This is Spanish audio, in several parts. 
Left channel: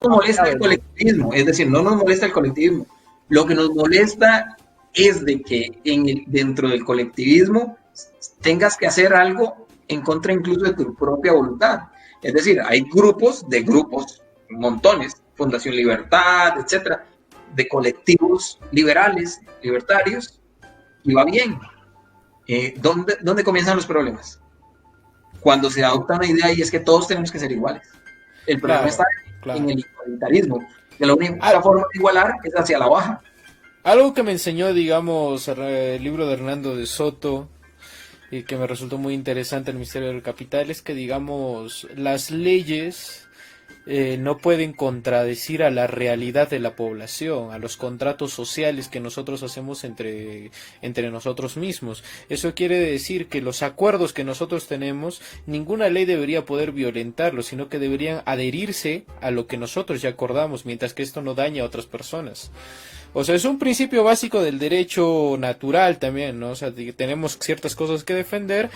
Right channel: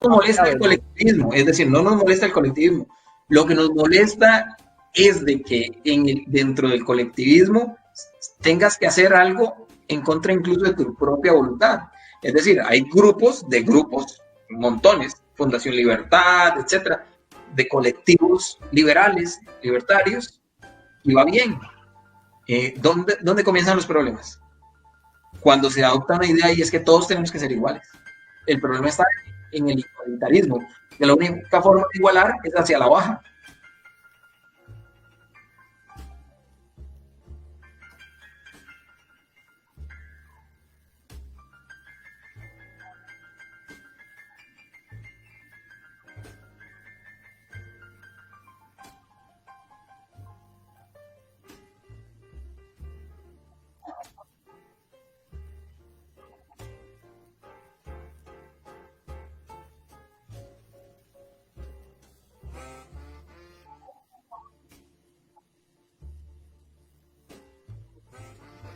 nos molesta el colectivismo, es decir, no nos molesta el colectivismo. Lo que nos molesta es de que dentro del colectivismo tengas que hacer algo en contra incluso de tu propia voluntad. Es decir, hay grupos de grupos, montones, Fundación Libertad, etcétera, de colectivos liberales, libertarios, y va bien. ¿Dónde comienzan los problemas? Cuando se adopta una idea y es que todos tenemos que ser iguales. El problema está en el igualitarismo. De la única forma de igualar es hacia la baja. Algo que me enseñó, digamos, el libro de Hernando de Soto, y que me resultó muy interesante, El misterio del capital, es que, digamos, las leyes no pueden contradecir a la realidad de la población, a los contratos sociales que nosotros hacemos entre nosotros mismos. Eso quiere decir que los acuerdos que nosotros tenemos, ninguna ley debería poder violentarlos, sino que deberían adherirse a lo que nosotros ya acordamos, mientras que esto no daña a otras personas. O sea, es un principio básico del derecho natural también, ¿no? O sea, tenemos ciertas cosas que defender,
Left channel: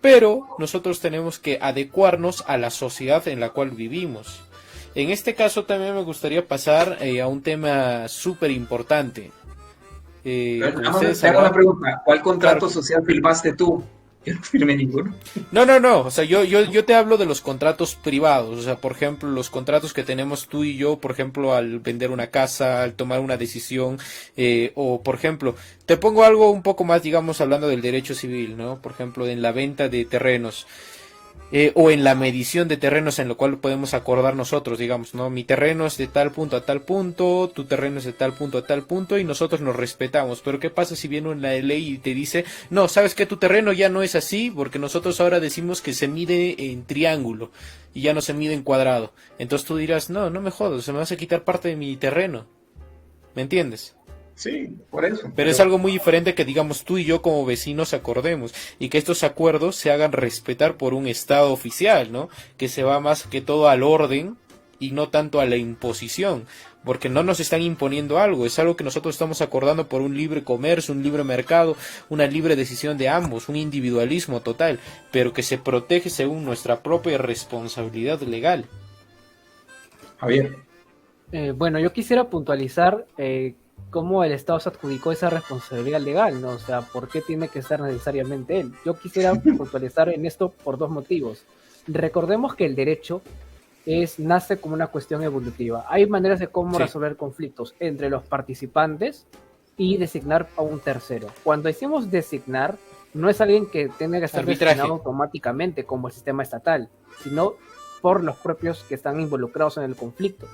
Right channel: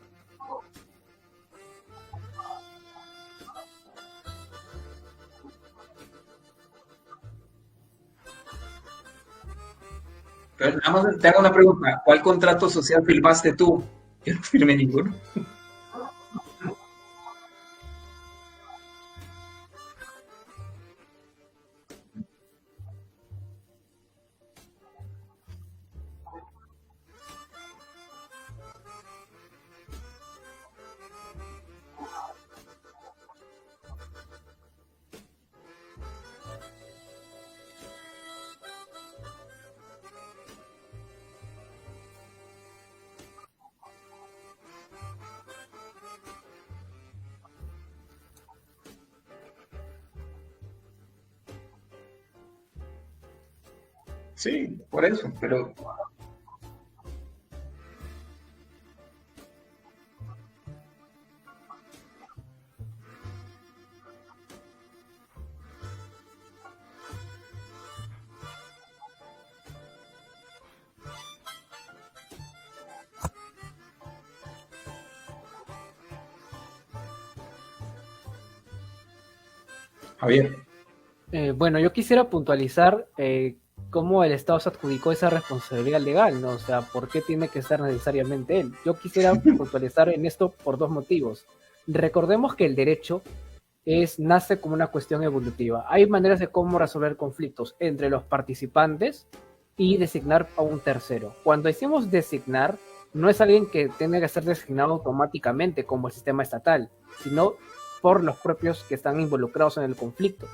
pero nosotros tenemos que adecuarnos a la sociedad en la cual vivimos. En este caso también me gustaría pasar a un tema súper importante. Te hago una pregunta. ¿Cuál contrato social firmaste tú? Yo no firmé ninguno. No, o sea, yo te hablo de los contratos privados, o sea, por ejemplo, los contratos que tenemos tú y yo, por ejemplo, al vender una casa, al tomar una decisión, o por ejemplo, te pongo algo un poco más, digamos, hablando del derecho civil, ¿no? Por ejemplo, en la venta de terrenos. O en la medición de terrenos en lo cual podemos acordar nosotros, digamos, ¿no? Mi terreno es de tal punto a tal punto, tu terreno es de tal punto a tal punto y nosotros nos respetamos. Pero ¿qué pasa si viene una ley y te dice, no, sabes que tu terreno ya no es así porque nosotros ahora decimos que se mide en triángulo y ya no se mide en cuadrado? Entonces tú dirás, no me jodas, se me vas a quitar parte de mi terreno. ¿Me entiendes? Sí, por eso. Pero es algo muy diferente que, digamos, tú y yo como vecinos acordemos y que estos acuerdos se hagan respetar por un Estado oficial, ¿no? Que se va más que todo al orden y no tanto a la imposición, porque no nos están imponiendo algo, es algo que nosotros estamos acordando por un libre comercio, un libre mercado, una libre decisión de ambos, un individualismo total, pero que se protege según nuestra propia responsabilidad legal. Javier. Bueno, yo quisiera puntualizar cómo el Estado se adjudicó esa responsabilidad legal, ¿no? O sea, ¿por qué tiene que ser necesariamente él? Yo quisiera puntualizar en esto por dos motivos. Recordemos que el derecho nace como una cuestión evolutiva. Hay maneras de cómo resolver conflictos entre los participantes y designar a un tercero. Cuando decimos designar, no es alguien que tenga que ser designado automáticamente como el sistema estatal, sino por los propios que están involucrados en el conflicto.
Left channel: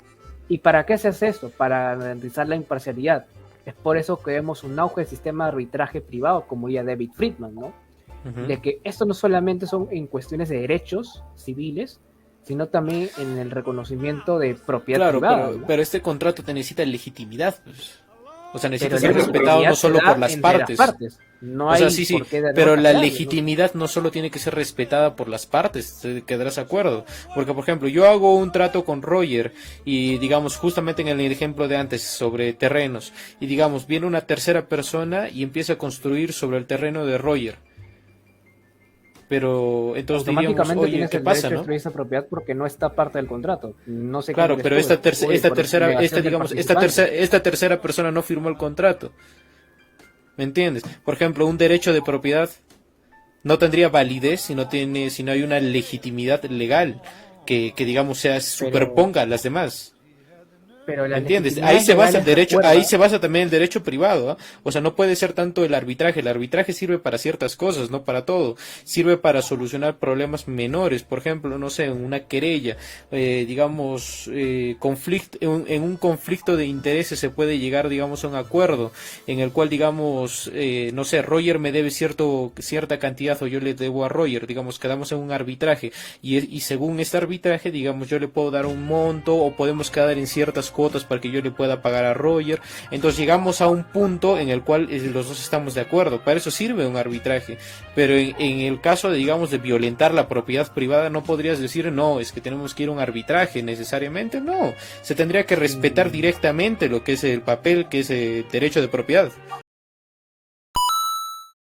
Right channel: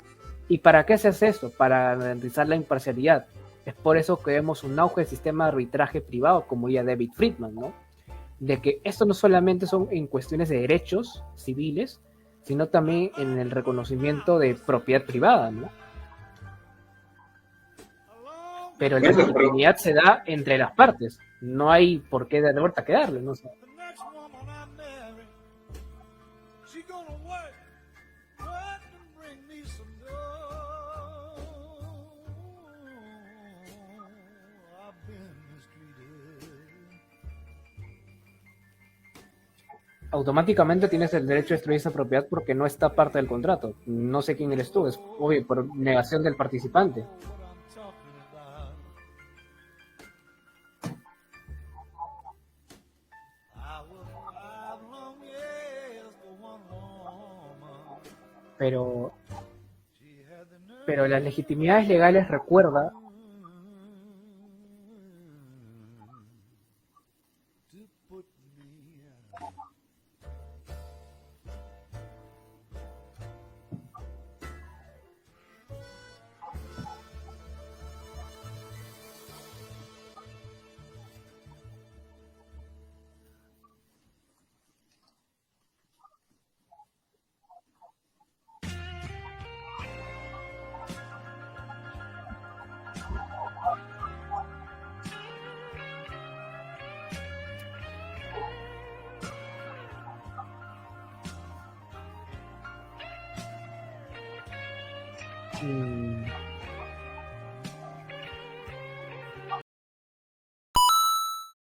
¿Y para qué se hace eso? Para garantizar la imparcialidad. Es por eso que vemos un auge del sistema de arbitraje privado, como diría David Friedman, ¿no? De que esto no solamente son en cuestiones de derechos civiles, sino también en el reconocimiento de propiedad privada. ¿No? Pero este contrato te necesita legitimidad, pues. O sea, pero la legitimidad no solo por las partes. No hay por qué pero la legitimidad no solo tiene que ser respetada por las partes, te quedarás de acuerdo. Porque, por ejemplo, yo hago un trato con Roger y, digamos, justamente en el ejemplo de antes sobre terrenos, y, digamos, viene una tercera persona y empieza a construir sobre el terreno de Roger. Pero entonces automáticamente tienes el derecho a destruir esa propiedad porque no está parte del contrato. No sé. Claro, pero esta tercera persona no firmó el contrato. ¿Me entiendes? Por ejemplo, un derecho de propiedad no tendría validez si no hay una legitimidad legal que digamos superponga a las demás. Pero la ¿entiendes? Ahí se basa el derecho, ahí se basa también el derecho privado, ¿eh? O sea, no puede ser tanto el arbitraje sirve para ciertas cosas, no para todo, sirve para solucionar problemas menores, por ejemplo, no sé, una querella, digamos, en un conflicto de intereses se puede llegar, digamos, a un acuerdo en el cual, digamos, no sé, Roger me debe cierta cantidad o yo le debo a Roger, digamos, quedamos en un arbitraje y según este arbitraje, digamos, yo le puedo dar un monto o podemos quedar en ciertas cuotas para que yo le pueda pagar a Roger. Entonces llegamos a un punto en el cual los dos estamos de acuerdo. Para eso sirve un arbitraje. Pero en el caso, digamos, de violentar la propiedad privada, no podrías decir, no, es que tenemos que ir a un arbitraje necesariamente. No, se tendría que respetar directamente lo que es el papel, que es el derecho de propiedad.